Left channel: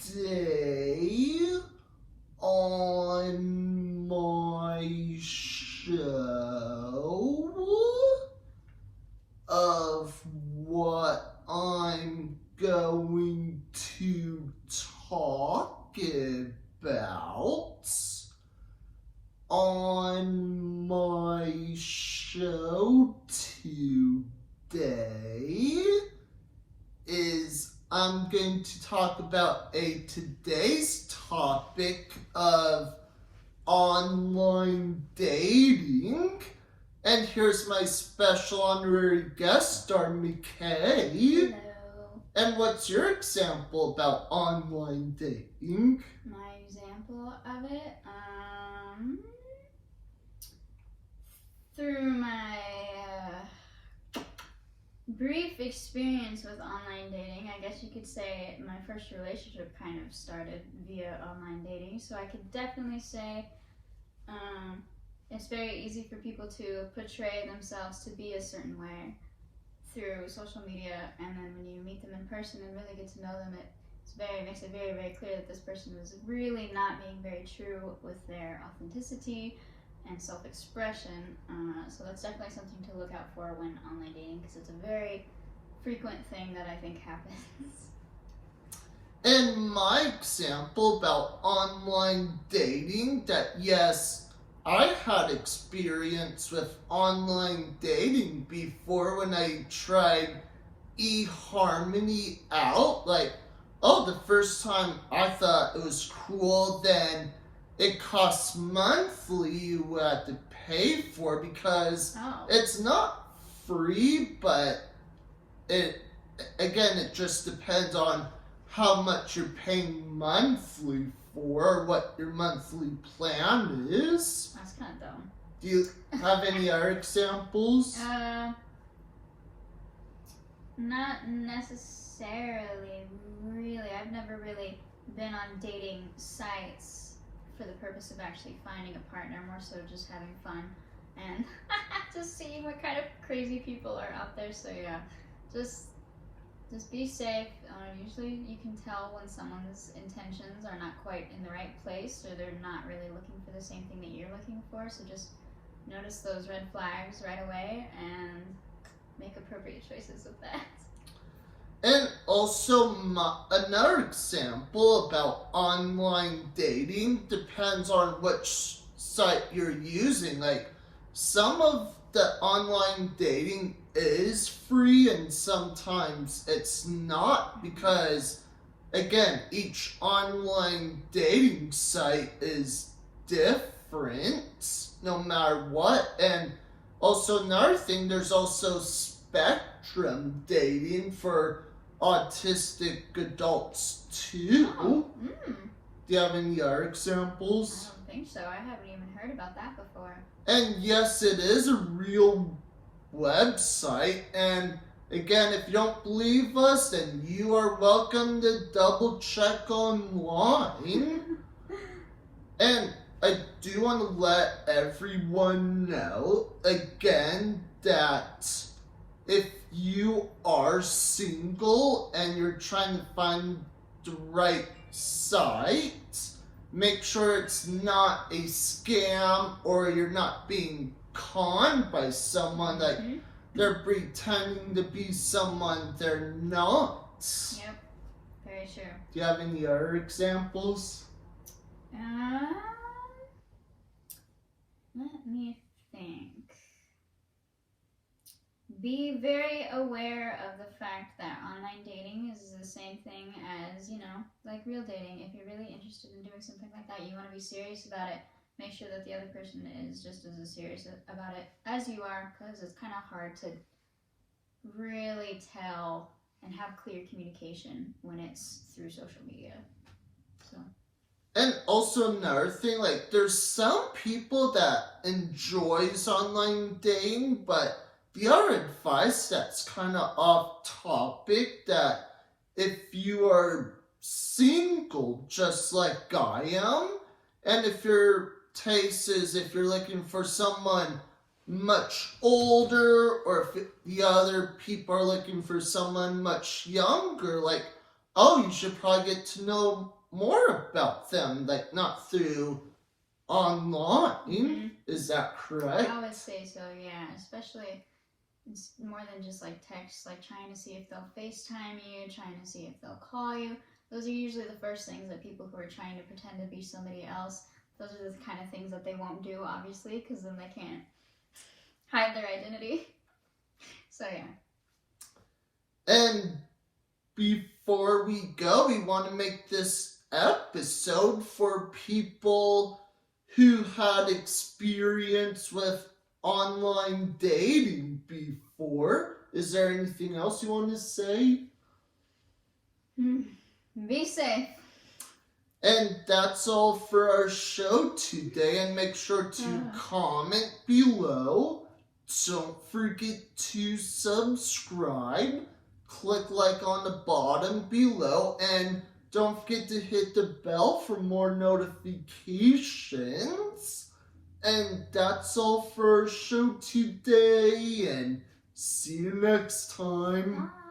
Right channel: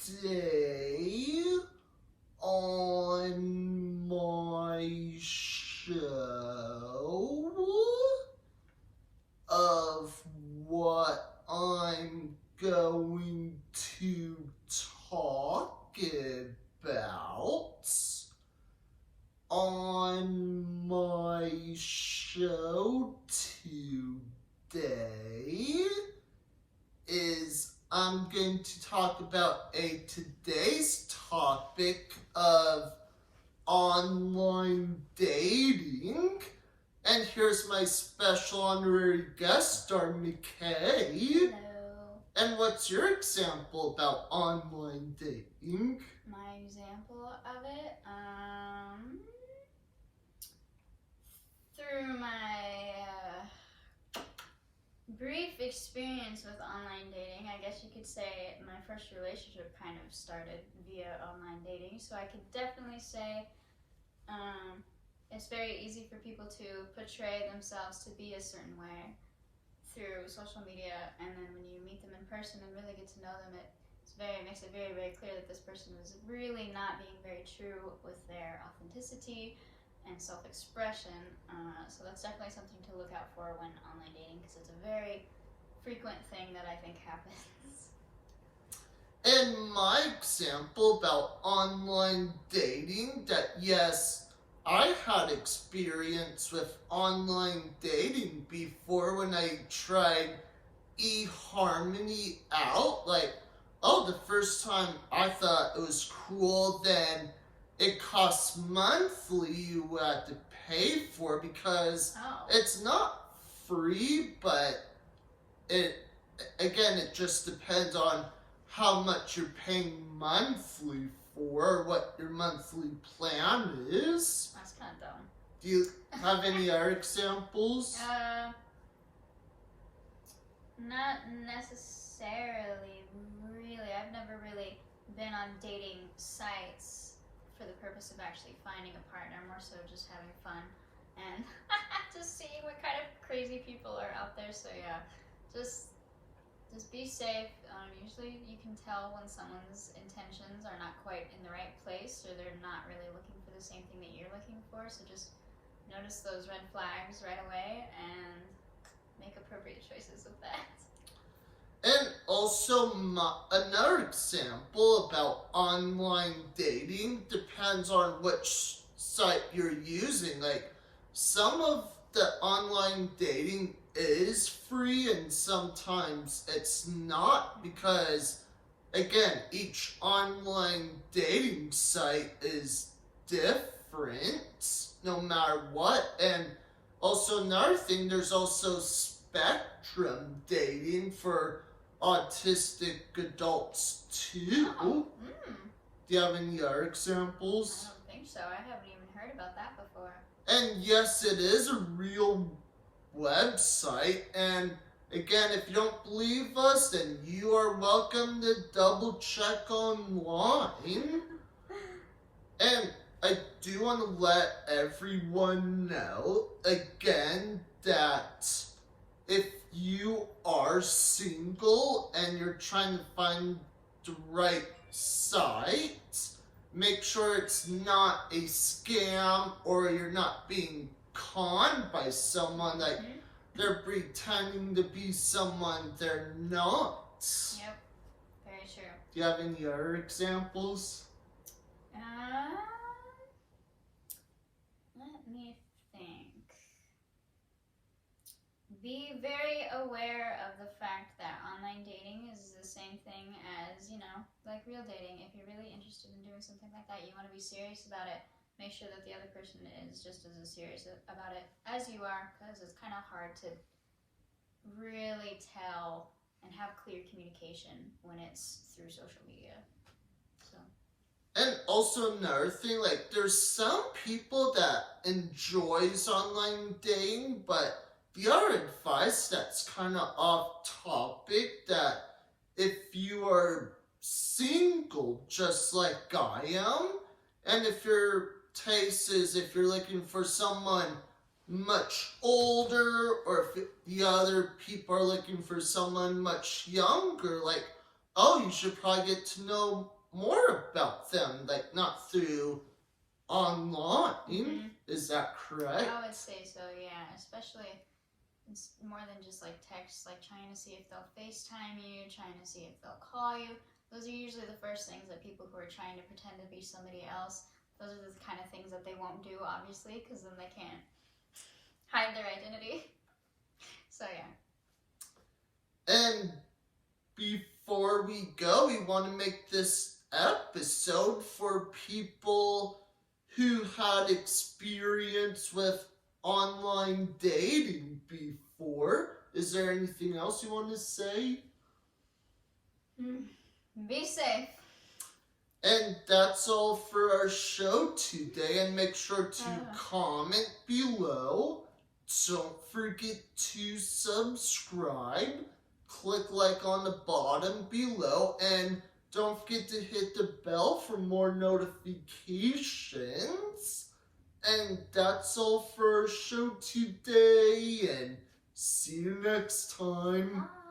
today on my show of what I'm going to talk about on my show today is I'm going to talk about today's topic of online dating. And here's my special honorary guest star, Mckay. Hello. And what's your example about online dating? My example of it, through my brief experience with online dating, I guess you could say my first relationship kind of started via online dating. So I could definitely say it's very easy for people to portray themselves to be a certain way through social media, and then when you meet them in person and really get to know them, it makes it very, very clear that this person was really not being very true with their authenticity and self-expression. So that's definitely something to look out for when online dating, because it's a very frequent thing that I think happens. And my example about online dating, that yes, I had experience with online dating before when I tried eHarmony out. Like, the first time I thought it was cool, then it costs monthly, you had to pay for, because it's not free, but it just depends on how much you're paying monthly for, what your monthly plan is. That's kind of dumb. Do you have any other examples? Not necessarily, really. I've never really been on dating sites for the purpose of actually finding a partner, more so just having fun and just seeing what kind of crazy people are out there. So yeah, just be safe. Usually you can tell when someone's intentions are not quite in the right place, or they're not really looking for the same thing that you're looking for. So just notice those red flags right away and make appropriate choices with that. And also, another example about online dating depends on which site you're using. Like, some of the online dating is free and sometimes it's not, because again, each online dating site is different no matter what. And also another thing, there's also spectrum dating for autistic adults too. Do you have any other examples? I don't think so. I haven't even heard about that before. And yes, it is a real website, and again, if you don't believe us, then you are welcome to double check online. And I do want to let everyone know again that if you are single and you're trying to find the right site, make sure it's not a scam, or you're not being conned by someone, like they're pretending to be someone they're not. Yep, very true. Do you have any other examples? Let me think. Be very aware of the fact that online dating is the same thing as, like real dating. If you're really interested in doing something like that, you want to be serious about it. Make sure that the other person is just as serious about it as you are, because it's kind of hard to really tell and have clear communication when it's through social media. So. And also another thing, like, there's some people that enjoys online dating, but the other advice that's kind of off topic, that if you are single just like I am, and if your taste is, if you're looking for someone much older, or if the other people are looking for someone much younger, like, oh, you should probably get to know more about them, like not through online. Mhm. Is that correct? I would say so, yeah. Especially, it's more than just like text, like trying to see if they'll FaceTime you, trying to see if they'll call you. Those are usually the first things that people who are trying to pretend to be somebody else, those are the kind of things that they won't do, obviously, because then they can't hide their identity. So, yeah. And before we go, we want to make this episode for people who had experience with online dating before. Is there anything else you want to say? Be safe. And that's all for our show today. And make sure to comment below. Don't forget to subscribe. Click like on the bottom below. And don't forget to hit the bell for more notifications. And that's all for our show today. And see you next time. Bye.